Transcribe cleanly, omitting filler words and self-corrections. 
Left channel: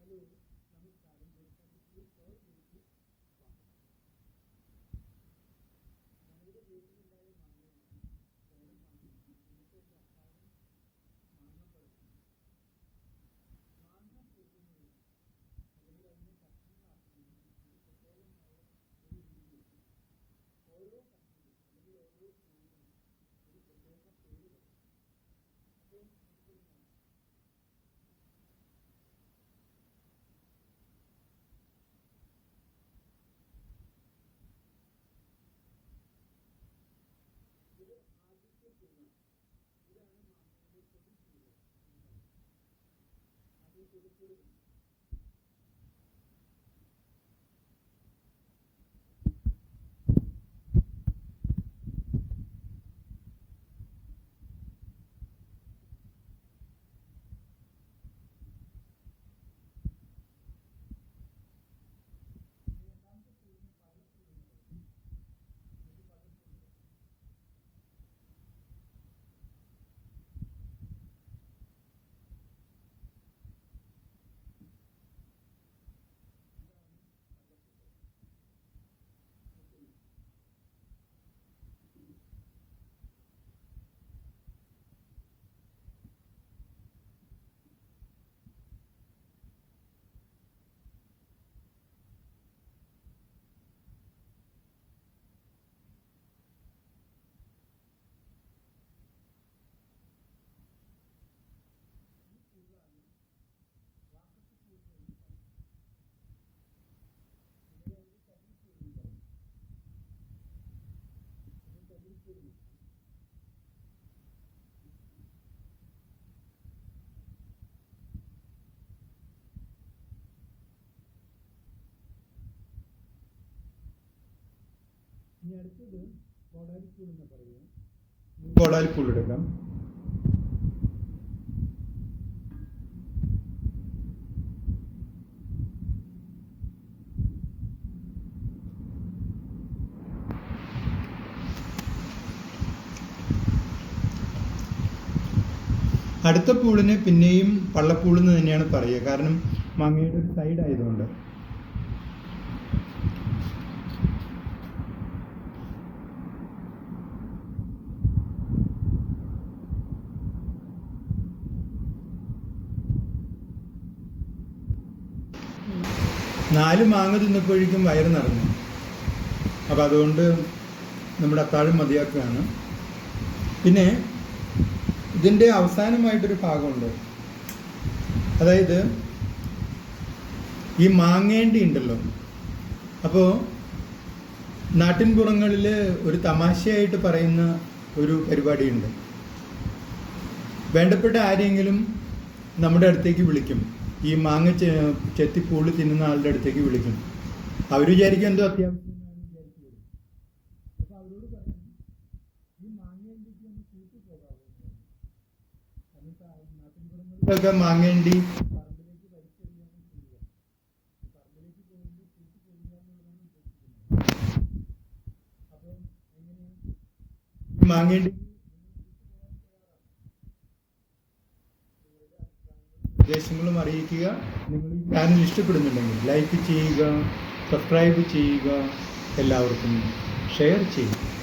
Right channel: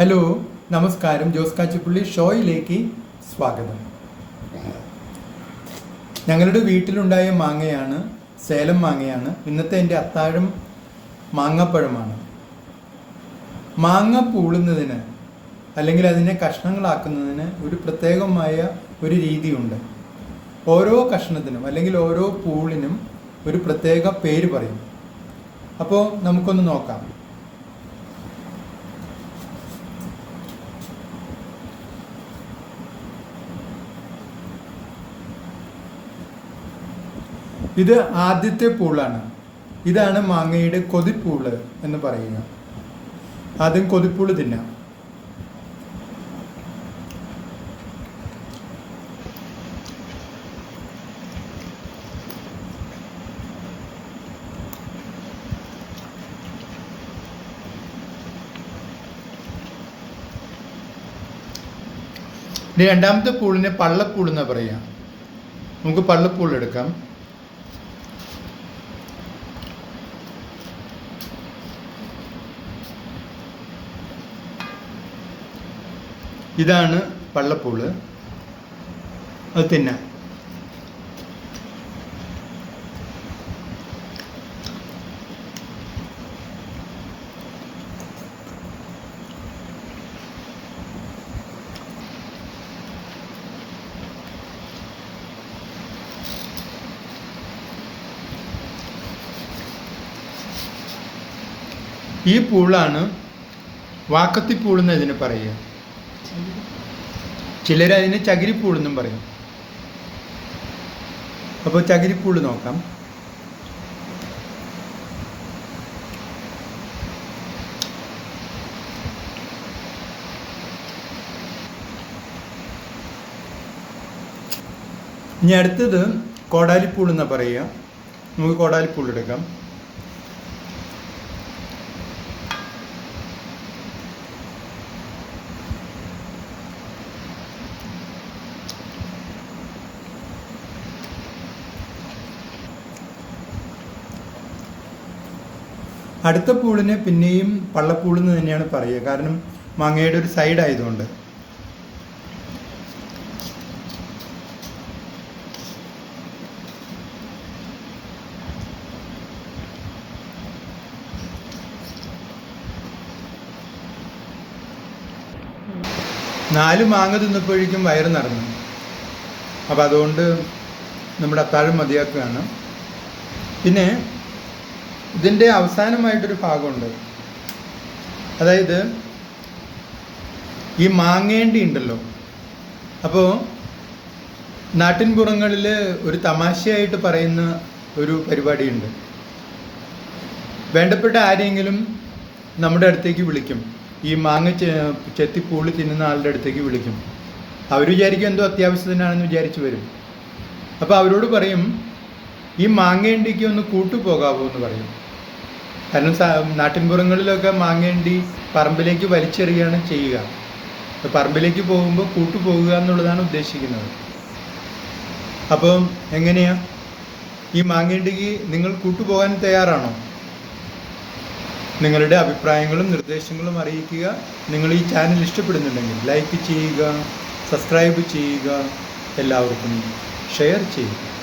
Hello, നമസ്കാരം. ജോസ് കാച്ചിപ്പള്ളി ഷോയിലേക്ക് സ്വാഗതം. ഞങ്ങളുടെ വീട്ടിലുണ്ടായ മാങ്ങയാണ്, സേലം മാങ്ങയാണ്. ഇന്നത്തെ എൻ്റെ അത്താഴം മാങ്ങപ്പഴമാണ്. മാങ്ങ പൂളുന്നതിന് അല്ലെങ്കിൽ അതിനെ കഷ്ണങ്ങളാക്കുന്നതിന് ഒരു പ്രത്യേകമായ ഒരു രീതിയുണ്ട്. ഓരോ കഷ്ണത്തിനും അല്ലെങ്കിൽ ഓരോ പൂളിനും ഒരു പ്രത്യേക പേര് പറയും. അപ്പോൾ നമുക്കൊന്ന് നോക്കാം. ഇത് ആദ്യത്തെ പൂളാണ്. ഇതാണ് മാങ്ങയുടെ കൊതിപ്പൂള് എന്ന് പറയുക. ആദ്യം കൊതിപ്പൂള് തിന്നാം. ഇനി രണ്ടാമത്തെ പൂളിനെ പള്ളപ്പൂൾ എന്നാ പറയാ. നമുക്ക് പള്ളപ്പൂൾ എടുക്കാം. ഇതാണ് പള്ളപ്പൂള്. അത് തിന്നാം. ഈ പൂളാണ് വാക്കത്തിപ്പൂളെന്ന് ഇതിന് പറയുക. ചിലരതിന് ചകിരിപ്പൂളെന്നും പറയും. അപ്പോൾ ചകിരിപ്പൂള് നോക്കാം. ഇനി അടുത്തത് കോടാലിപ്പൂൾ എന്നാ പറയുക. നമുക്ക് കോടാലിപ്പൂൾ എടുക്കാം. അടുത്ത പൂളിനെ പിന്നെയും പള്ളപ്പൂളെന്ന് തന്നെയാണ് പറയുക. കാരണം മാങ്ങയുടെ ഒരു സൈഡ് ആയതുകൊണ്ട്. നാല് മാങ്ങ തിന്നപ്പോഴേക്കും വയറ് നിറഞ്ഞു. അപ്പം അതുകൊണ്ട് നമ്മുടെ അത്താഴം മതിയാക്കുകയാണ്. പിന്നെ ഇതിൻ്റെ അവസാനമായിട്ടൊരു ഭാഗമുണ്ട്. അതായത് ഈ മാങ്ങേണ്ടി ഉണ്ടല്ലോ. അപ്പോൾ നാട്ടിൻപുറങ്ങളിൽ ഒരു തമാശയായിട്ട് പറയുന്ന ഒരു പരിപാടിയുണ്ട്. വേണ്ടപ്പെട്ട ആരെങ്കിലും നമ്മുടെ അടുത്തേക്ക് വിളിക്കും. ഈ മാങ്ങ ചെത്തിപ്പൂളി തിന്നുന്ന ആളുടെ അടുത്തേക്ക് വിളിക്കും. അവർ വിചാരിക്കും എന്തോ അത്യാവശ്യത്തിനാണെന്ന് വിചാരിച്ച് വരും. അപ്പോൾ അവരോട് പറയും, ഈ മാങ്ങേണ്ടിക്ക് ഒന്ന് കൂട്ടുപോകാവോ എന്ന് പറയും. കാരണം നാട്ടിൻപുറങ്ങളിലൊക്കെ മാങ്ങേണ്ടി പറമ്പിലേക്ക് വലിച്ചെറിയുകയാണ് ചെയ്യുക. പറമ്പിലേക്ക് പോകുമ്പോൾ കൂട്ടുപോകുക എന്നുള്ളതാണ് ഉദ്ദേശിക്കുന്നത്. അപ്പം എങ്ങനെയാ ഈ മാങ്ങേണ്ടിക്ക് നിങ്ങൾ കൂട്ടുപോകാൻ തയ്യാറാണോ? നിങ്ങളുടെ അഭിപ്രായങ്ങളും നിർദ്ദേശങ്ങളും അറിയിക്കുക. നിങ്ങൾ ഈ ചാനൽ ഇഷ്ടപ്പെടുന്നുണ്ടെങ്കിൽ ലൈക്ക് ചെയ്യുക, സബ്സ്ക്രൈബ് ചെയ്യുക, എല്ലാവർക്കും ഷെയർ ചെയ്യുക.